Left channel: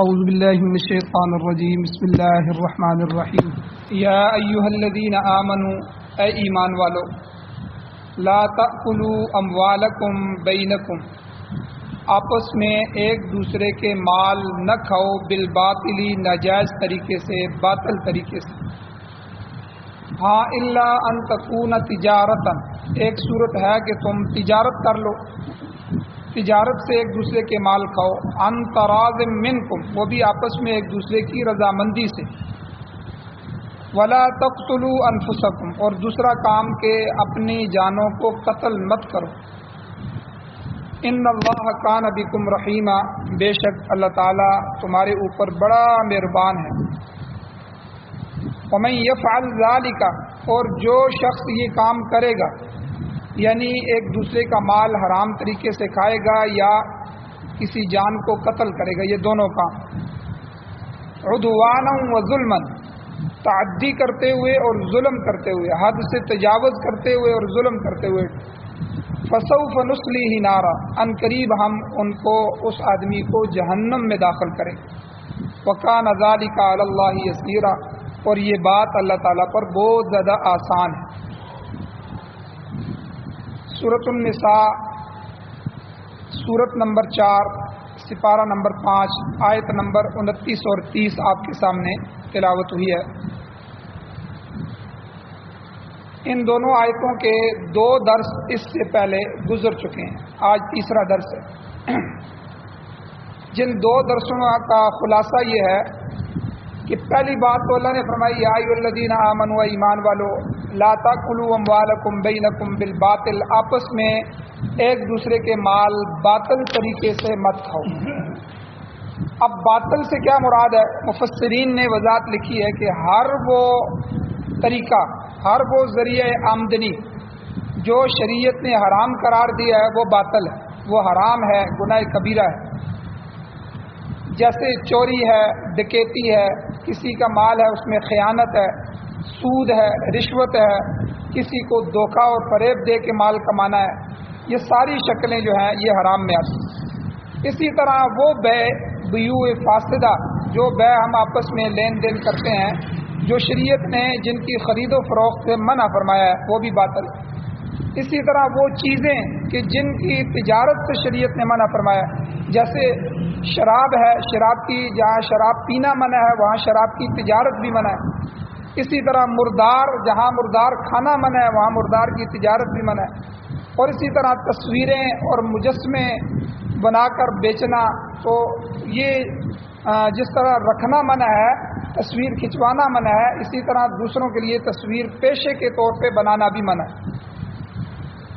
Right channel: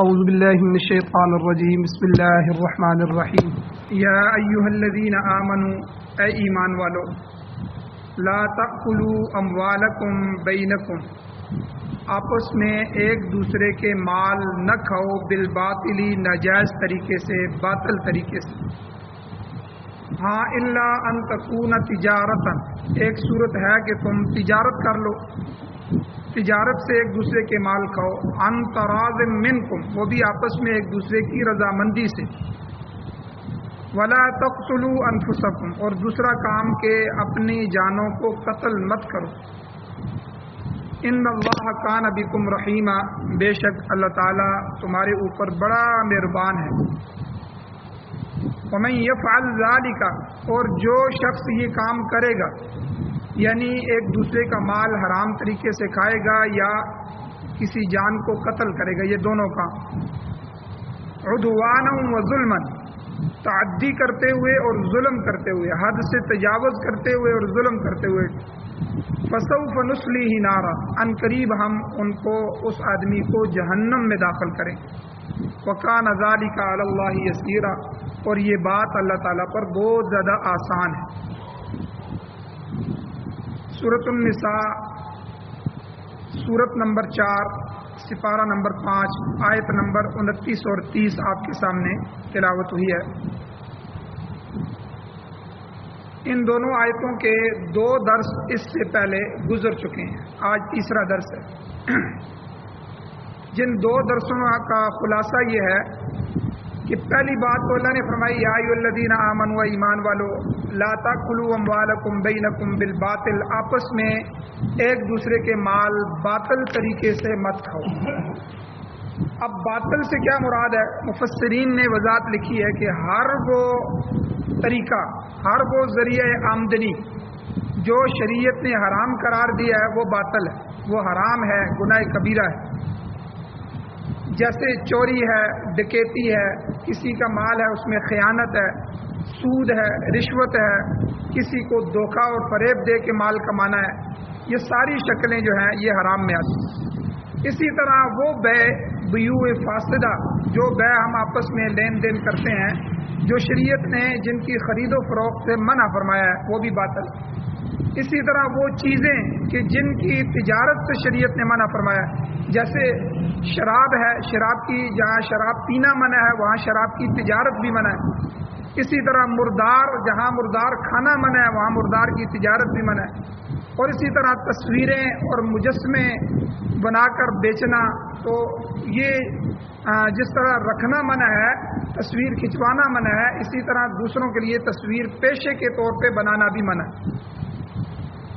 اعوذ باللہ من الشیطان الرجیم بسم اللہ الرحمن الرحیم یا ایہا الذین آمنوا اے ایمان والو لا تأکلوا اموالکم بینکم آپس میں ایک دوسرے کے مال نہ کھاؤ بالباطلی ناجائز طریقے سے باطل طریقے سے ہاں الا ان تکون تجارتا ایک صورت ہے کہ تم تجارت کر لو تجارت سے ایک دوسرے کے مال کھاؤ ان تراض منکم وہ بھی آپس میں ایک دوسرے کی رضامندی سے ولا تقتلوا انفسکم اور دوسرا کام کہ اپنی جانوں کو قتل مت کرو ان اللہ کان بکم رحیما بے شک اللہ تعالیٰ تمہارے اوپر بڑا مہربان ہے ومن یفعل ذلک اور جو شخص یہ کام کرے گا یعنی ایک دوسرے کا مال حرام طریقے سے کھائے گا یا کسی جان کو قتل کرے گا یہ دونوں کام عدوانا و ظلما تعدی کرتے ہوئے اور ظلم کرتے ہوئے حد سے تجاوز کرتے ہوئے اور ظلم کرتے ہوئے فسوف نصلیہ نارا ان قریب ہم ان کو اس آدمی کو جہنم میں داخل کریں وکان ذلک علی اللہ یسیرا اور یہ بات اللہ تعالیٰ پر بہت زیادہ آسان ہے سورۃ النساء سورت نمبر 4 سپارہ نمبر 5 آیت نمبر 29 اور 30 آپ کے سامنے تلاوت ہوئی ہے ان دونوں آیتوں کے 2 درس اس سے پہلے گزر چکے ہیں آج تیسرا درس ہے جن 2 درسوں کا خلاصہ یہ ہے کہ پہلی بات تو اللہ نے فرمائی یا ایھا الذین آمنوا ایمان والو لا تاکلوا اموالکم بینکم بالباطل آپس میں ایک دوسرے کے مال باطل طریقے سے مت کھاؤ اب باطل سے کیا مراد ہے مفسرین نے وضاحت لکھی ہے کہ ہر وہ طریقہ ہر وہ ذریعہ آمدنی جو شریعت نے حرام قرار دیا ہے وہ باطل ہے وہ حرام ہے گناہ کبیرہ ہے جیسے چوری ہے ڈکیتی ہے کسی کا مال ہے اس میں خیانت ہے سود ہے رشوت ہے کسی کو دھوکہ اور فریب دے کے مال کمانا ہے یہ ساری شکلیں جو ہیں یہ حرام میں آتی ہیں اسی طرح وہ بیوع فاسدہ جو بے ہم آپس میں لین دین کرتے ہیں جو شریعت نے جن کی خرید و فروخت سے منع فرمایا ہے وہ بھی باطل اسی طرح وہ چیزیں کہ جن کی تجارت سے شریعت نے منع فرمایا جیسے شراب ہے شراب کی جہاں شراب پینا منع ہے وہاں شراب کی تجارت بھی منع ہے اسی طرح مردار جہاں مردار کھانا منع ہے وہاں مردار کی تجارت بھی منع ہے اور اسی طرح تصویریں اور مجسمے بنا کر بیچنا تو یہ جس طرح رکھنا منع ہے تصویر کھنچوانا منع ہے اسی طرح دوسروں کے لیے تصویر پیشے کے طور پہ بنانا بھی منع ہے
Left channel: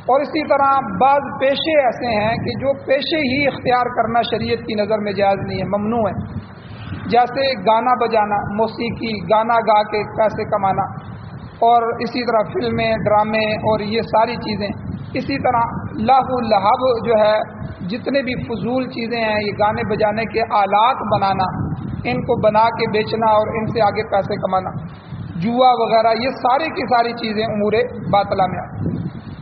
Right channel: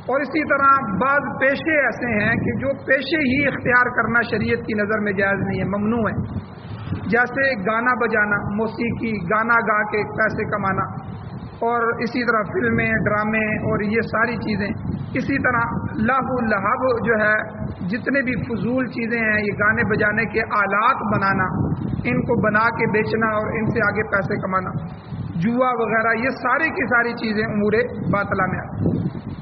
اور اسی طرح بعض پیشے ایسے ہیں کہ جو پیشے ہی اختیار کرنا شریعت کی نظر میں جائز نہیں ہے ممنوع ہے جیسے گانا بجانا موسیقی گانا گا کے پیسے کمانا اور اسی طرح فلمیں ڈرامے اور یہ ساری چیزیں اسی طرح لہو لہب جو ہے جتنے بھی فضول چیزیں ہیں یہ گانے بجانے کے آلات بنانا ان کو بنا کے بیچنا اور ان سے آگے پیسے کمانا جوا وغیرہ یہ ساری کی ساری چیزیں امور باطلہ میں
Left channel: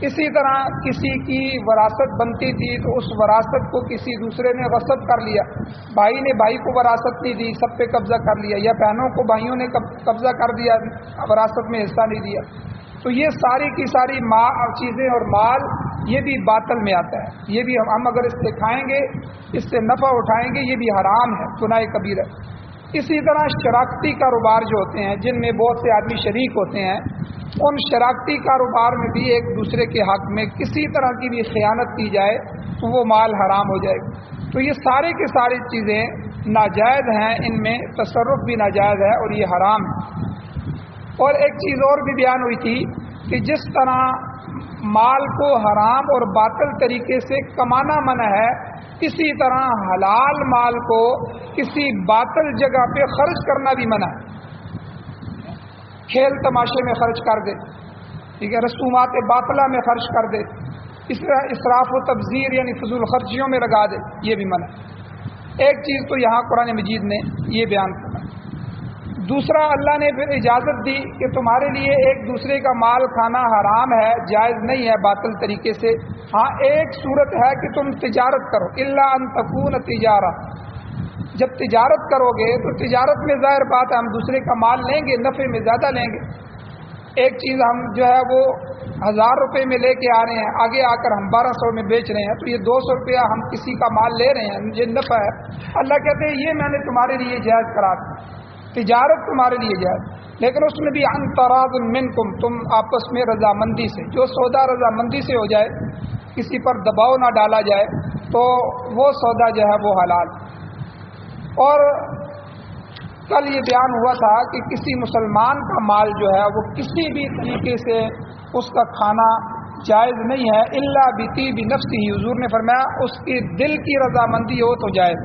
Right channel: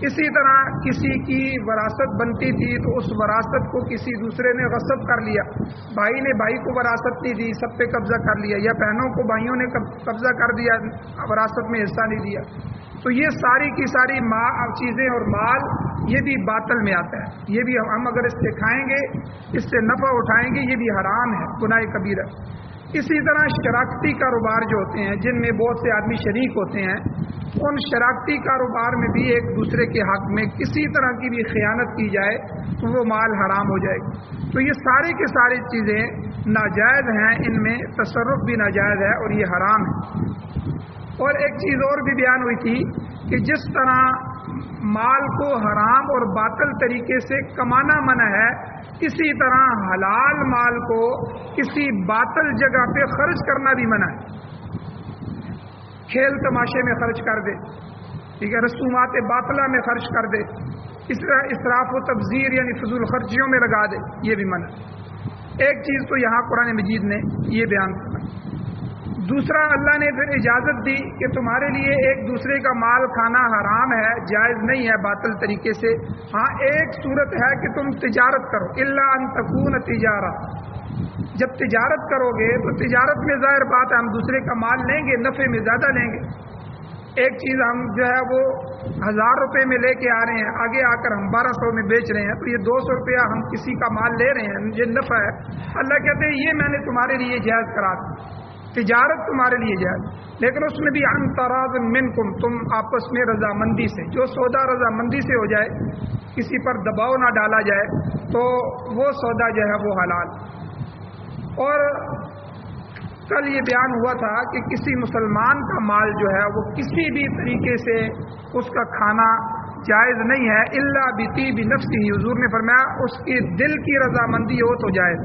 اسی طرح کسی کی وراثت بنتی تھی تو اس وراثت کو کسی دوسرے نے غصب کر لیا بھائی نے بھائی کو وراثت نہیں دی سب پہ قبضہ کر لیا یا بہنوں کو بھائیوں نے قبضہ کر دیا وراثت میں حصہ نہیں دیا تو یہ ساری کی ساری چیزیں اور مال یہ بھی باطل میں آتا ہے یہ بھی ہم اگر اس سے کھائیں گے اس سے نفع اٹھائیں گے یہ بھی حرام ہے گناہ کبیرہ اسی طرح شراکتی کاروبار جو ہوتے ہیں جن میں بہت سے آدمی شریک ہوتے ہیں ان شراکتی کاروبار میں بھی ایک دوسرے کے حق میں کسی طرح کی بھی خیانت کی جائے تو وہ مال حرام ہو جائے گا تو یہ ساری کی ساری چیزیں ناجائز ہیں ان میں تصرف بھی ناجائز ہے اور یہ حرام ہے اور ایک چیز اور بھی بیان ہوئی تھی کہ جس طرح مال کو حرام اور باطل طریقے سے کمانا منع ہے اسی طرح حلال مال کو کسی باطل جگہ پہ خرچ کرنا بھی منع ہے کھیل تماشے میں خرچ کر دے ٹھیک ہے رسومات باطلہ میں خرچ کر دے اس طرح اسراف و تبذیر یعنی فضول خرچیوں میں لگا دے یہ بھی منع ہے ایک چیز تو یہاں قرآن مجید نے یہ بیان کیا دوسرا اللہ نے پھر اجازت دی کہ تمہارے لیے ایک دوسرے کا مال کھانا حرام ہے جائز نہیں ہے باطل طریقے سے ہاں ایک صورت ہے کہ تم تجارت کرو الا ان تکون تجارہ جب تجارت کروگے تو تجارت میں ظاہر بات ہے ہم دوسرے کا مال لیں گے، نفع میں زیادہ لیں گے۔ ایک چیز ہم جو ہے وہ 1000 روپے میں لے کے آ رہے ہیں، آگے آ کر ہم 1200 میں بیچ رہے ہیں، تو یہ 200 روپیہ ہم کسی کا مال لے رہے ہیں، یہ نفع ہے۔ اللہ کہتے ہیں یہ میں نے تمہارے لیے جائز کرا دی، تجارت تمہارے لیے جائز، لیکن اس میں بھی عن تراض منکم، تم آپس میں رضامندی سے، جو سودا رضامندی سے ہو جائے، کسی پر دباؤ نہ ڈالا جائے، تو وہ سودا جو ہے وہ حلال۔ اور کل یہ بیان ہوا تھا کہ کسی مسلمان کا مال جو ہے وہ کسی بھی طریقے سے اس کا کھانا جائز نہیں ہے، الا بطیب نفسہ، حضور نے فرمایا اس کی دل کی رضامندی ہو تو جائز۔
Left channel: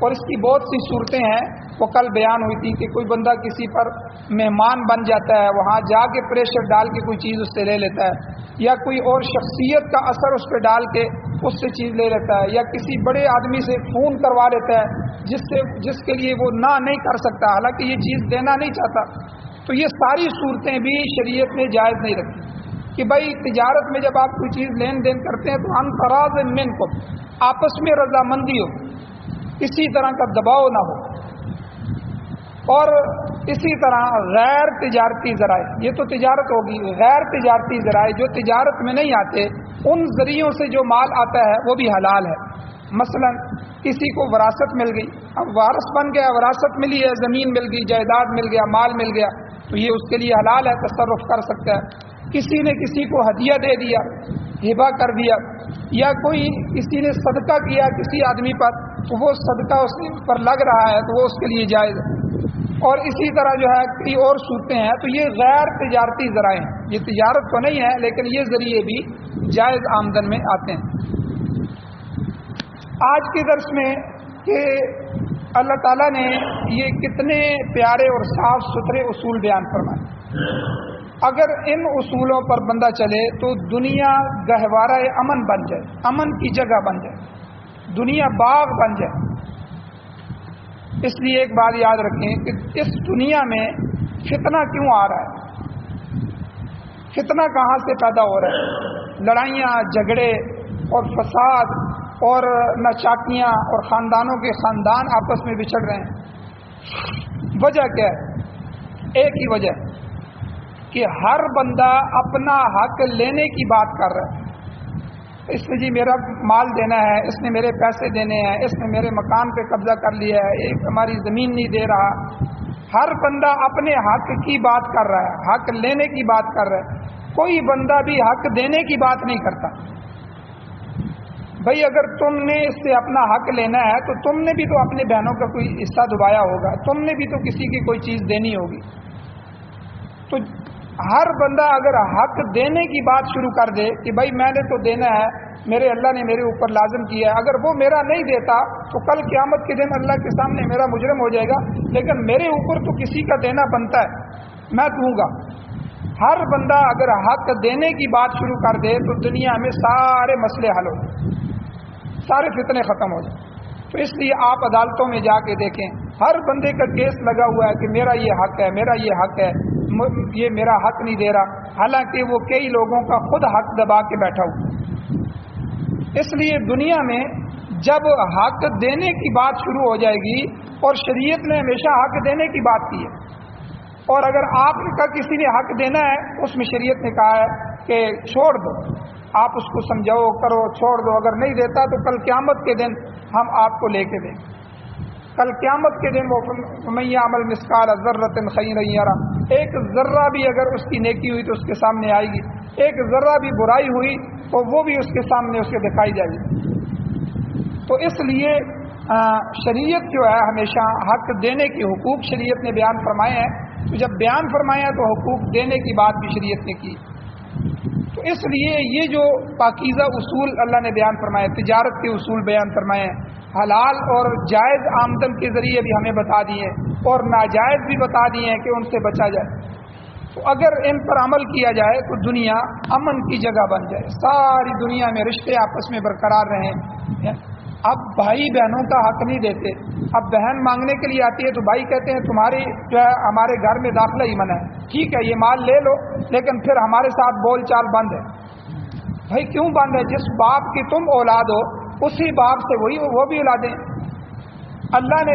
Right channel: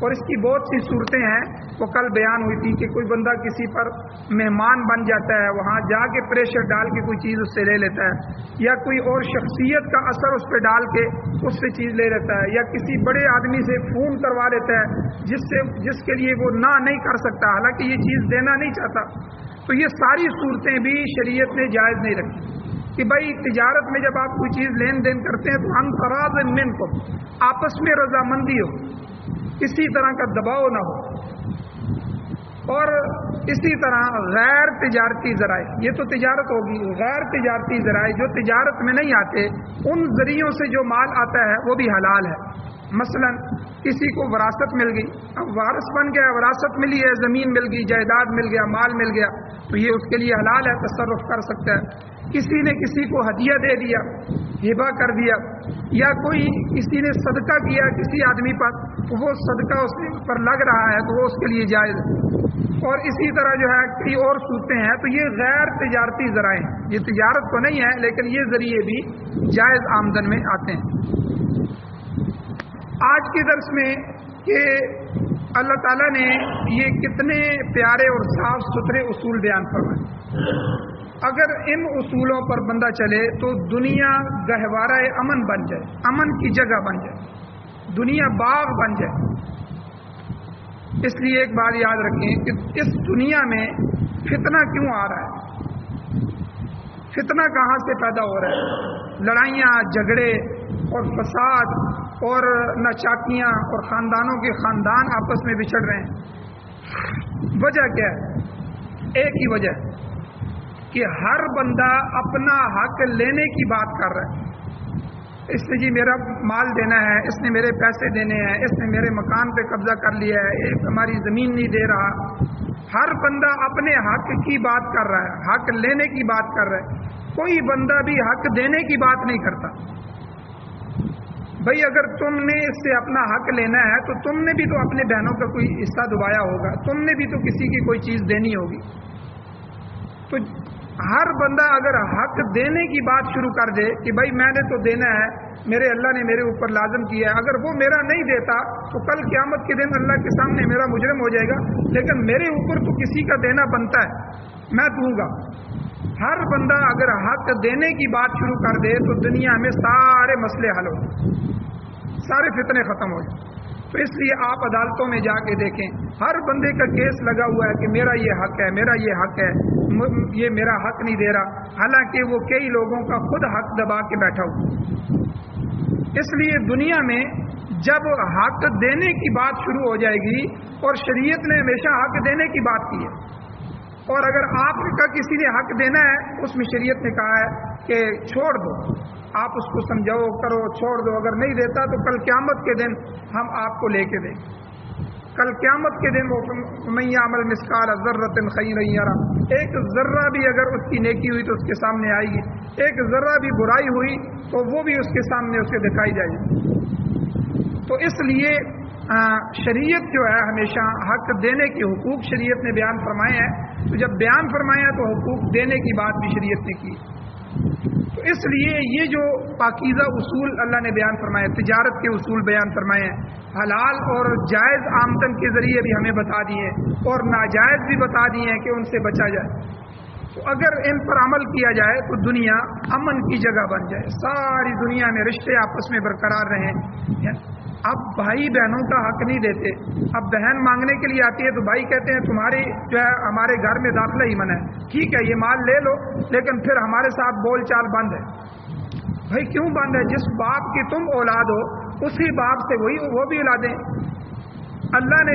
اور اس کی بہت سی صورتیں ہیں، وہ کل بیان ہوئی تھی کہ کوئی بندہ کسی پر مہمان بن جاتا ہے، وہاں جا کے پریشر ڈال کے کوئی چیز اس سے لے لیتا ہے، یا کوئی اور شخصیت کا اثر اس پہ ڈال کے اس سے چیز لے لیتا ہے، یا کسی بڑے آدمی سے فون کروا لیتا ہے جس کے لیے وہ نہ نہیں کر سکتا، حالانکہ یہ چیز دینا نہیں چاہتا، تو یہ ساری صورتیں بھی شریعت نے جائز نہیں رکھی کہ بھائی تجارت میں جب آپ کوئی چیز لین دین کرتے ہیں تو ہم تراض منکم، آپس میں رضامندی ہو، کسی طرح کا دباؤ نہ ہو۔ اور اسی طرح غیر تجارتی ذرائع، یہ تو تجارت ہوگی، غیر تجارتی ذرائع جو تجارت میں نہیں آتے، ان ذریعوں سے جو مال آتا ہے وہ بھی حلال ہے۔ مثلا کسی کو وراثت مل گئی، اب وارث بن گیا، وراثت ملی ہے، زمین مل گئی، جائیداد مل گیا، مال مل گیا، تو یہ اس کے لیے حلال ہے، تصرف کر سکتا ہے۔ کسی نے کسی کو ہدیہ دے دیا، ہبہ کر دیا، یا کوئی کسی نے صدقہ کیا کسی آدمی پر، تو وہ صدقہ اس پر لگ رہا ہے تو وہ اس کے لیے جائز ہے۔ اور اسی طرح جو ہے کئی اور صورتیں ہیں، تو یہ غیر تجارتی ذرائع ہیں، یہ تجارت تو نہیں ہے لیکن یہ ذریعے بھی جائز آمدن میں آتے ہیں۔ آج کے درس میں کہ اللہ تعالیٰ نے یہ کتنے پیارے اور صاف ستھرے اصول بیان فرمائے، اگر ان اصولوں پر بندہ چلے تو دنیا گہوارہ امن بن جائے، امن کی جگہ بن جائے، دنیا باغ بن جائے۔ اس لیے ایک بات یاد رکھیں کہ اس دنیا میں فتنہ کیوں آ رہا ہے، فتنہ کہاں سے پیدا ہو رہا ہے، لڑائیاں، جھگڑے اور فساد اور ناچاکیاں، اور خاندانوں کے خاندان آپس میں بچھڑ رہے ہیں۔ وجہ کیا ہے؟ ایک ہی وجہ کہ ہر بندہ اپنا حق لینے کی بات کر رہا ہے، اس نے جی میرا مال دینا ہے، اس نے میرے پیسے دینے ہیں، اس نے میرے مکان پہ قبضہ کر لیا ہے، ایک ہماری زمین نہیں دے رہا۔ ہر بندہ اپنے حق کی بات کر رہا ہے، حق لینے کی بات کر رہا ہے، کوئی بندہ بھی حق دینے کی بات نہیں کرتا۔ بھائی اگر تم نے اس سے اپنا حق لینا ہے تو تم نے بھی تو اپنے بہنوں کا کوئی حصہ دبایا ہوگا، تم نے بھی تو کسی کی کوئی چیز دینی ہوگی۔ تو ہر بندہ اگر حق دینے کی بات شروع کر دے کہ بھائی میں نے تو دینا ہے، میرے اللہ نے میرے اوپر لازم کیا ہے، اگر وہ میرا نہیں دیتا تو کل قیامت کے دن اللہ کے سامنے میرا مجرم ہو جائے گا، لیکن میرے اوپر تو کسی کا دینا بنتا ہے، میں دوں گا۔ ہر بندہ اگر حق دینے کی بات شروع کر دے تو دنیا میں سارے مسئلے حل ہو جائیں، سارے فتنے ختم ہو جائیں۔ تو اس لیے آپ عدالتوں میں جا کے دیکھیں، ہر بندے کا کیس لگا ہوا ہے کہ میرا یہ حق ہے، میرا یہ حق ہے، یہ میرا حق نہیں دے رہا، حالانکہ وہ کئی لوگوں کا خود حق دبا کے بیٹھا ہوا۔ اس لیے دنیا میں جب حق دینے کی بات شروع ہو جائے گی، اور شریعت نے ہمیشہ حق دینے کی بات کی ہے، اور اگر آپ کا کسی نے حق دینا ہے اس میں شریعت نے کہا ہے کہ چھوڑ دو، آپ اس کو سمجھاؤ کرو، چھوڑ دو، اگر نہیں دیتا تو کل قیامت کے دن ہم آپ کو لے کے دیں گے۔ کل قیامت کے دن وہ من یعمل مثقال ذرۃ خیرا یرہ، ایک ذرہ بھی اگر اس کی نیکی ہوئی تو اس کے سامنے آئے گی، ایک ذرہ بھی برائی ہوئی تو وہ بھی اس کے سامنے اسے دکھائی جائے گی۔ تو اس لیے شریعت جو ہے ہمیشہ حق دینے کے حقوق شریعت نے بیان فرمائے ہیں، تو جب بیان فرمایا تو حقوق دینے کی بات بھی شریعت نے کی۔ تو اس لیے یہ جو پاکیزہ اصول اللہ نے بیان فرمائے، تجارت کے اصول بیان فرمائے ہیں، حلال اور جائز آمدن کے ذریعے بھی ہمیں بتا دیے، اور ناجائز بھی بتا دیے ہیں کہ ان سے بچا جائے، تو اگر ان پر عمل کیا جائے تو دنیا امن کی جگہ بن جائے، ساری دنیا میں رشتے آپس میں برقرار رہیں۔ اب بھائی بہنوں کا حق نہیں دیتے، اب بہن مانگنے کے لیے آتی ہے تو بھائی کہتے ہیں تمہاری جو ہے ہمارے گھر میں داخلہ ہی منع ہے، ٹھیک ہے یہ مال لے لو لیکن پھر ہمارے ساتھ بول چال بند ہے۔ بھائی کیوں بند ہے؟ جس باپ کی تم اولاد ہو اسی باپ سے وہ بھی اولادیں۔ اللہ نے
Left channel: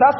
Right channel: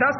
10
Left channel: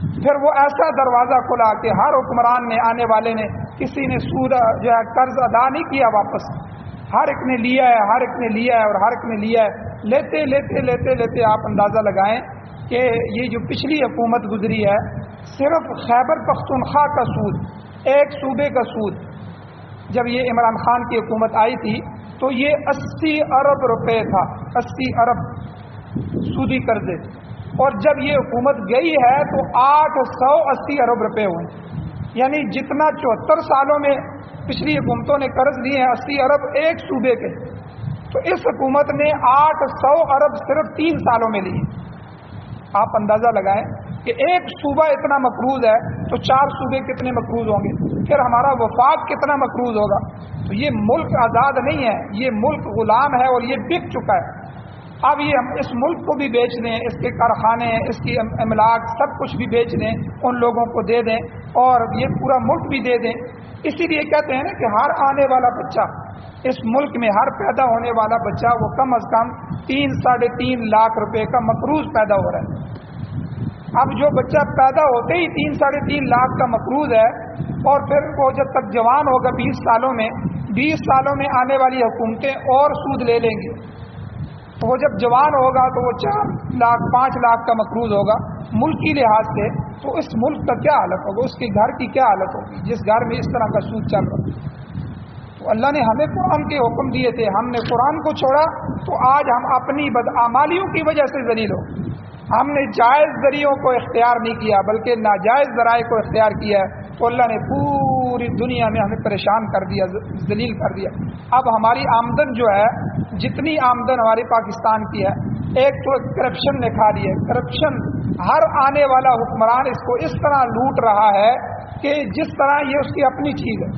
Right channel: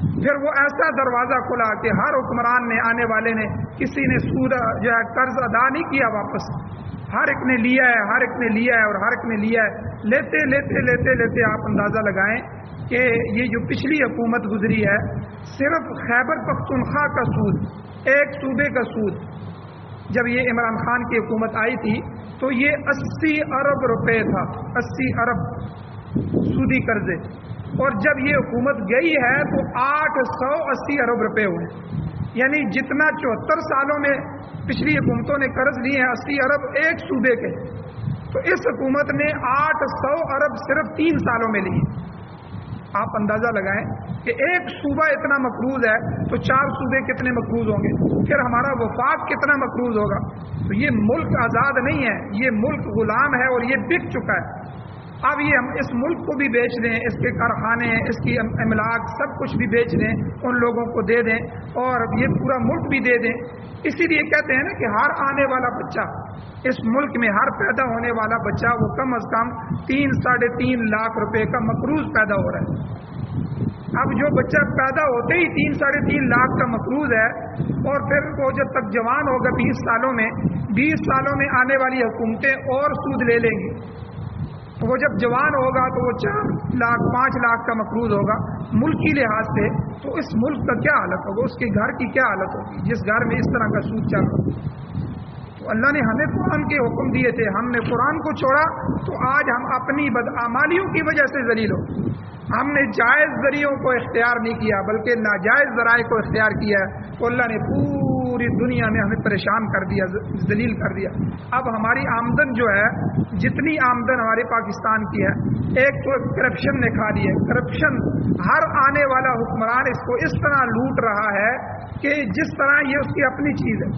پھر وہ ایسا دروازہ کھلا کہ ہر حکمران نے آنے والے نے کسی نے سود جو ہے قرض ادا نہیں کیا واپس، ہر ایک نے لیا ہے، ہر ایک نے لیا ہے اور ہر ایک نے لیا ہے، لیتے لیتے لیتے لیتے آپ اندازہ لگائیں کہ یہ جو پچھلی حکومت گزری ہے صرف خیبر پختونخوا کا سود، ایک صوبے کا سود، جب یہ عمران خان کی حکومت آئی تھی تو یہ 80 ارب روپے تھا، 80 ارب سودی قرضے، اور جب یہ حکومت گئی ہے تو 880 ارب روپے ہوئے، یعنی جتنا 74 سالوں میں پچھلی حکومتوں نے قرض لیے ہیں 80 ارب ایک صوبے کے، تو اس حکومت نے 800 ارب صرف 3 سالوں میں لی۔ آپ اندازہ لگائیں کہ ایک صوبہ اتنا مقروض ہے تو 4 صوبے کتنے مقروض ہوں گے، پھر ہمارا وفاق کتنا مقروض ہوگا۔ تو یہ ملک آزاد نہیں ہے، یہ ملک غلام ہے اور یہ بک چکا ہے۔ اب یہ ہم اس ملک کو بھی بیچ دیں، اس کے کارخانے، اس کی املاک سب کچھ بھی بیچ دیں، ان لوگوں کو دے دیں اور یہ پورا ملک بھی دے دیں۔ اسی لیے کہتے ہیں نا کہ ہر آنے والا بچہ اس ملک میں، ہر پیدا ہونے والا بچہ وہ کم از کم 3 ساڑھے 3 لاکھ روپے کا مقروض پیدا ہو رہا ہے۔ اب جو بچہ پیدا ہوتے ہی 3 ساڑھے 3 لاکھ کا مقروض ہے، اور پھر وہ جب تک جوان ہوگا 20 سالوں میں، 20 سالوں میں آنے والی حکومتیں اور سود لے لیں گی، تو وہ جب جوان ہوگا تو وہ 4 لاکھ 5 لاکھ کا مقروض ہوگا ملکی لحاظ سے، تو اس ملک کا کیا حالت ہوگا، اس کے گھر کی کیا حالت ہوگی جس گھر میں اس طرح کا سود چل رہا ہے۔ تو اللہ نے ہمیں قرآن کے حکم دیے تھے، ہم نے قرآن کو چھوڑا تو آج ہم اپنی بدعمالیوں کی وجہ سے ذلیل ہو۔ ہم نے جائز ذریعوں کو اختیار نہیں کیا بلکہ ناجائز ذرائع کو اختیار کیا ہے، تو اللہ نے پوری دنیا میں ہمیں پریشان کر دیا، ذلیل کر دیا۔ اب ہماری آمدن جو ہے، جتنی آمدن ہمارے پاکستان کی ہے، ایک تو کرپشن نے کھا لی ہے۔ کرپشن، ہر آنے والا حکمران اس کو اس طرح لوٹ رہا ہے کہ جس طرح یہ اس کی اپنی چیز ہے۔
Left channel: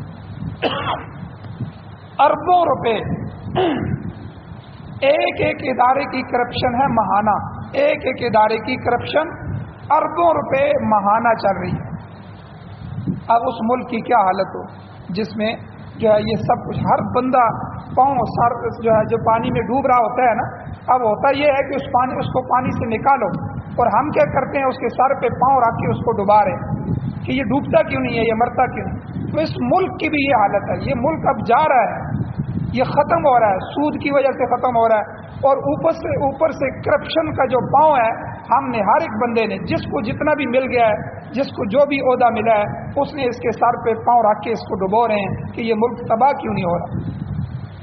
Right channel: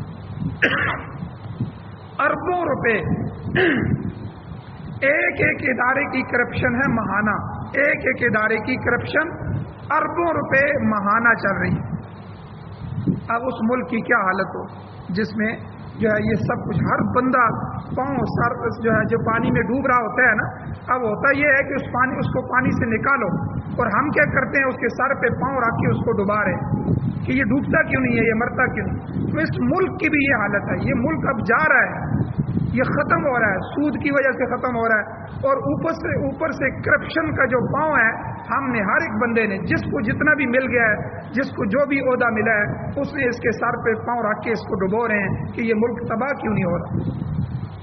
اربوں روپے ایک ایک ادارے کی کرپشن ہے ماہانہ، ایک ایک ادارے کی کرپشن اربوں روپے ماہانہ چل رہی ہے۔ اب اس ملک کی کیا حالت ہو جس میں جو ہے یہ سب کچھ، ہر بندہ پاؤں سر جو ہے جو پانی میں ڈوب رہا ہوتا ہے نا، اب ہوتا یہ ہے کہ اس کو پانی سے نکالو، اور ہم کیا کرتے ہیں اس کے سر پہ پاؤں رکھ کے اس کو ڈبا رہے کہ یہ ڈوبتا کیوں نہیں ہے، یہ مرتا کیوں۔ تو اس ملک کی بھی یہ حالت ہے، یہ ملک اب جا رہا ہے، یہ ختم ہو رہا ہے، سود کی وجہ سے ختم ہو رہا ہے، اور اوپر سے کرپشن کا جو پاؤں ہے، ہم نے ہر ایک بندے نے جس کو جتنا بھی مل گیا ہے، جس کو جو بھی عہدہ ملا ہے، اس نے اس کے سر پہ پاؤں رکھ کے اس کو ڈبو رہے ہیں کہ یہ ملک تباہ کیوں نہیں ہو رہا۔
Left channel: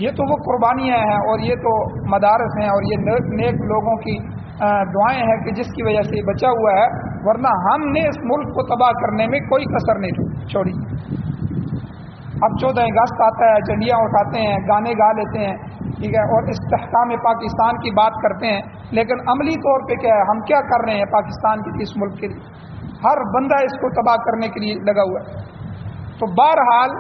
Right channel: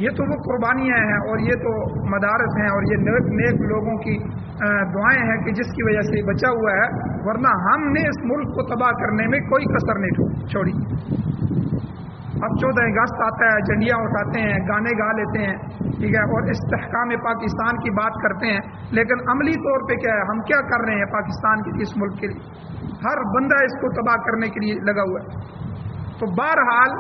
یہ تو وہ قربانیاں ہیں اور یہ تو مدارس ہیں اور یہ نیک لوگوں کی دعائیں ہیں کہ جس کی وجہ سے بچا ہوا ہے، ورنہ ہم نے اس ملک کو تباہ کرنے میں کوئی کسر نہیں چھوڑی۔ اب 14 اگست آتا ہے، جھنڈیاں اٹھاتے ہیں، گانے گا لیتے ہیں، ٹھیک ہے، اور استحکام پاکستان کی بات کرتے ہیں، لیکن عملی طور پہ کیا ہے، ہم کیا کر رہے ہیں پاکستان کے اس ملک کے لیے؟ ہر بندہ اس کو تباہ کرنے کے لیے لگا ہوا ہے۔ تو بہرحال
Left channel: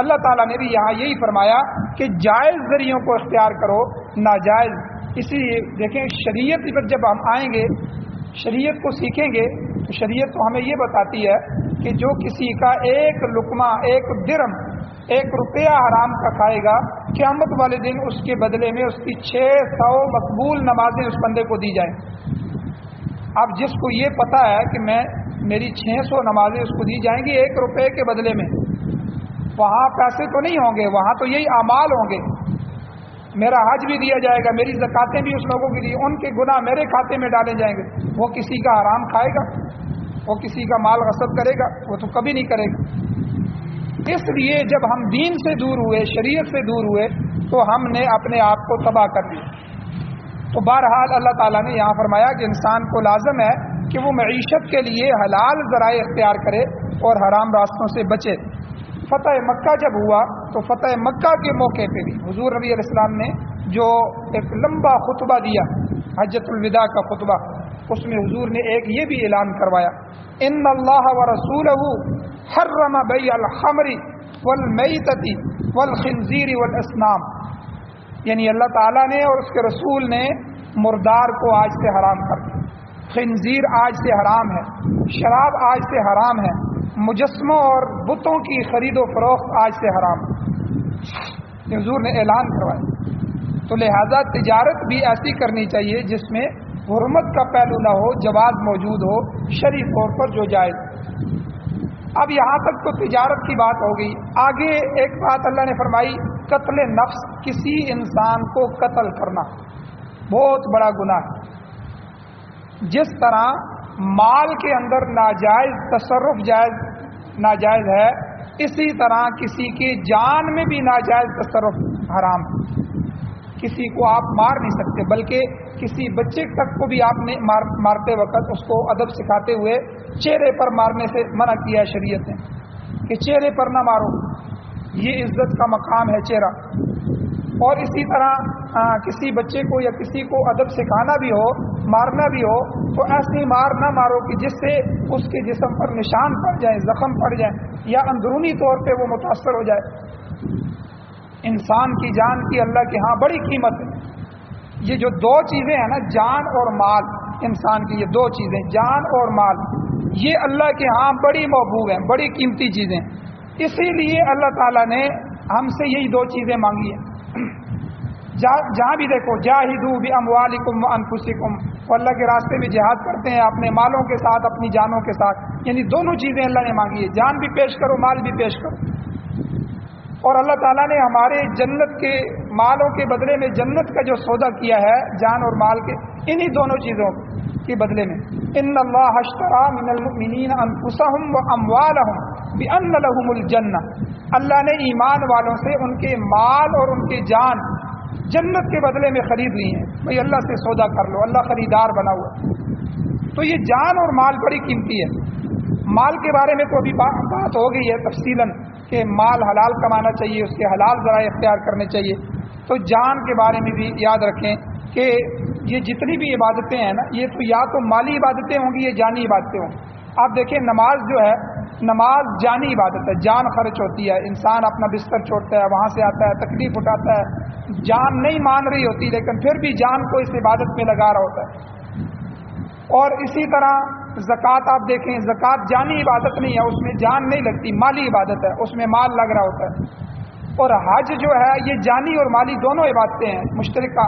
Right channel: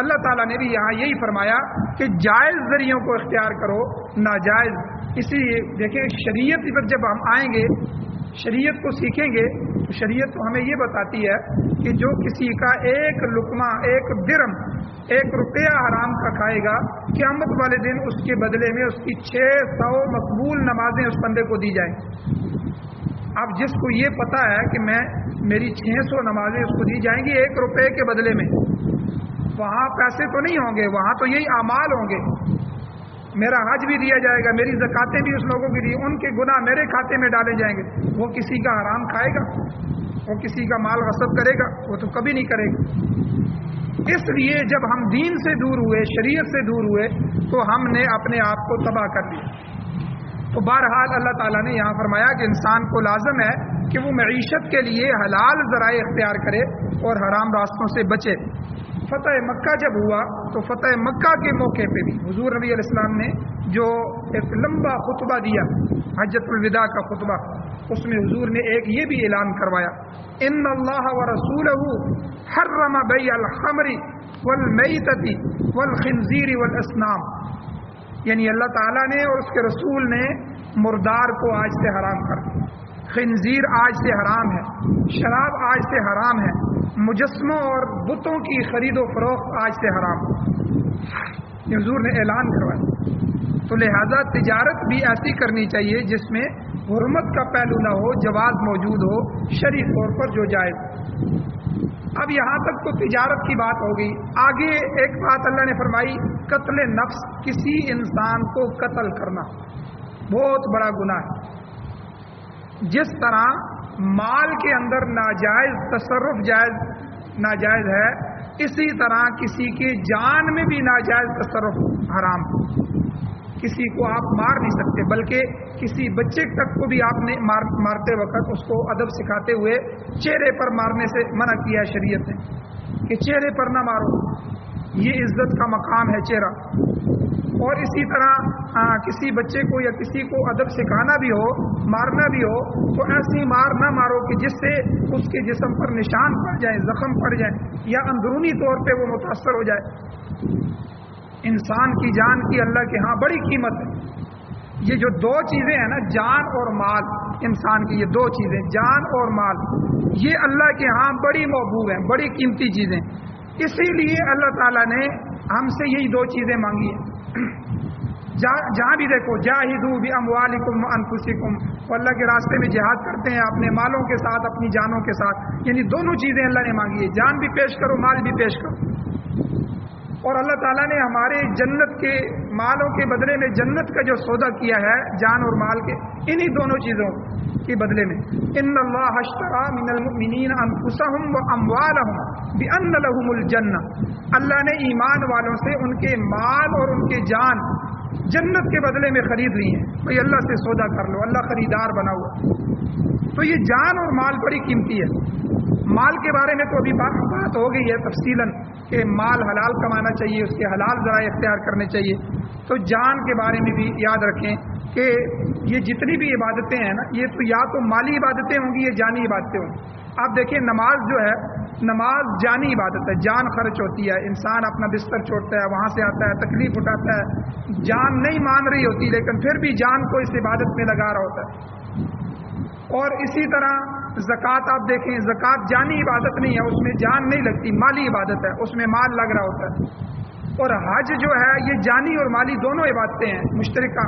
اللہ تعالیٰ نے بھی یہاں یہی فرمایا کہ جائز ذریعوں کو اختیار کرو، ناجائز۔ اسی دیکھیں شریعت پر جب ہم آئیں گے، شریعت کو سیکھیں گے تو شریعت تو ہمیں یہ بتاتی ہے کہ جو کسی کا ایک لقمہ، ایک درم، 1 روپیہ حرام کا کھائے گا، قیامت والے دن اس کے بدلے میں اس کی 600 مقبول نمازیں اس بندے کو دی جائیں۔ اب جس کو یہ پتہ ہے کہ میری 600 نمازیں اس کو دی جائیں گی 1 روپے کے بدلے میں، وہاں پیسے تو نہیں ہوں گے، وہاں تو یہی اعمال ہوں گے۔ میرا حج بھی دیا جائے گا، میری زکاتیں بھی اس لوگوں کی دی، ان کے گناہ میرے کھاتے میں ڈالے جائیں گے۔ وہ کسی کا حرام کھائے گا، وہ کسی کا مال غصب کرے گا؟ وہ تو کبھی نہیں کرے گا۔ اس لیے جب ہم دین سے دور ہوئے، شریعت سے دور ہوئے، تو ہم نے اپنے آپ کو تباہ کر دیا۔ تو بہرحال اللہ تعالیٰ نے یہاں فرمایا کہ انسان کو لازم ہے کہ وہ معیشت کے لیے حلال ذرائع اختیار کرے اور حرام راستوں سے بچے۔ فتح مکہ جب ہوا تو فتح مکہ کے موقع پہ بھی حضور نبی علیہ السلام نے جو ایک لمبا خطبہ دیا، حجۃ الوداع کا خطبہ، اس میں حضور نے ایک یہ بھی اعلان کروایا، ان اللہ ورسولہ حرم بیع الخمر والمیتۃ والخنزیر والاصنام، یعنی اللہ تعالیٰ نے اور اس کے رسول نے مردار کو آج سے حرام کر دیا، خنزیر آج سے حرام ہے، شراب آج سے حرام ہے، مجسموں اور بتوں کی خرید و فروخت آج سے حرام ہے۔ حضور نے اعلان کروایا۔ تو لہذا تجارت بھی ایسی کرنی چاہیے جس میں حرمت کا پہلو نہ ہو، جواز موجود ہو شرعی طور پر جو جائز۔ اب یہاں تک تو تجارت کی بات ہو گئی۔ آگے ایک بات اللہ نے فرمائی، قتل نفس، کسی انسان کو قتل کرنا بہت بڑا گناہ ہے۔ جس طرح مال کے اندر ناجائز تصرف ناجائز ہے، اسی طرح کسی کی جان میں بھی ناجائز تصرف حرام۔ کسی کو آپ مار نہیں سکتے، بلکہ کسی بچے تک کو بھی آپ نے مارتے وقت اس کو ادب سکھاتے ہوئے چہرے پر مارنے سے منع کیا ہے شریعت نے کہ چہرے پر نہ مارو، یہ عزت کا مقام ہے چہرہ۔ اور اسی طرح کسی بچے کو یا کسی کو ادب سکھانا بھی ہو، مارنا بھی ہو، تو ایسی مار نہ مارو کہ جس سے اس کے جسم پر نشان پڑ جائے، زخم پڑ جائے، یا اندرونی طور پہ وہ متاثر ہو جائے۔ انسان کی جان کی اللہ کے ہاں بڑی قیمت ہے۔ یہ جو دو چیزیں ہیں نا، جان اور مال، انسان کی یہ دو چیزیں، جان اور مال، یہ اللہ کے ہاں بڑی محبوب ہیں، بڑی قیمتی چیزیں۔ اسی لیے اللہ تعالیٰ نے ہم سے یہی دو چیزیں مانگی ہیں۔ جہاں بھی دیکھو، جاہدوا باموالکم وانفسکم، وہ اللہ کے راستے میں جہاد کرتے ہیں اپنے مالوں کے ساتھ، اپنی جانوں کے ساتھ، یعنی دونوں چیزیں اللہ نے مانگی ہے، جان بھی پیش کرو، مال بھی پیش کرو۔ اور اللہ تعالیٰ نے ہمارے جنت کے مالوں کے بدلے میں جنت کا جو سودا کیا ہے جان اور مال کے، انہی دونوں چیزوں کے بدلے میں، ان اللہ اشتری من المؤمنین انفسهم واموالهم بان لهم الجنہ، اللہ نے ایمان والوں سے ان کے مال اور ان کے جان جنت کے بدلے میں خرید لی ہیں۔ بھئی اللہ سے سودا کر لو، اللہ خریدار بنا ہوا۔ تو یہ جان اور مال بڑی قیمتی ہے۔ مال کے بارے میں تو ابھی بات ہو گئی ہے تفصیلاً کہ مال حلال کمانا چاہیے، اس کے حلال ذرائع اختیار کرنے چاہیے۔ تو جان کے بارے میں بھی یاد رکھیں کہ یہ جتنی بھی عبادتیں ہیں نا، یہ تو یا تو مالی عبادتیں ہوں گی یا جانی عبادتیں ہوں گی۔ آپ دیکھیں نماز جو ہے، نماز جانی عبادت ہے، جان خرچ ہوتی ہے، انسان اپنا بستر چھوڑتا ہے، وہاں سے آتا ہے، تکلیف اٹھاتا ہے، جان نہیں مان رہی ہوتی لیکن پھر بھی جان کو اس عبادت میں لگا رہا ہوتا ہے۔ اور اسی طرح زکوٰۃ آپ دیکھیں، زکوٰۃ جانی عبادت نہیں ہے، اس میں جان نہیں لگتی، مالی عبادت ہے، اس میں مال لگ رہا ہوتا ہے۔ اور حج جو ہے یہ جانی اور مالی دونوں عبادتیں ہیں مشترکہ،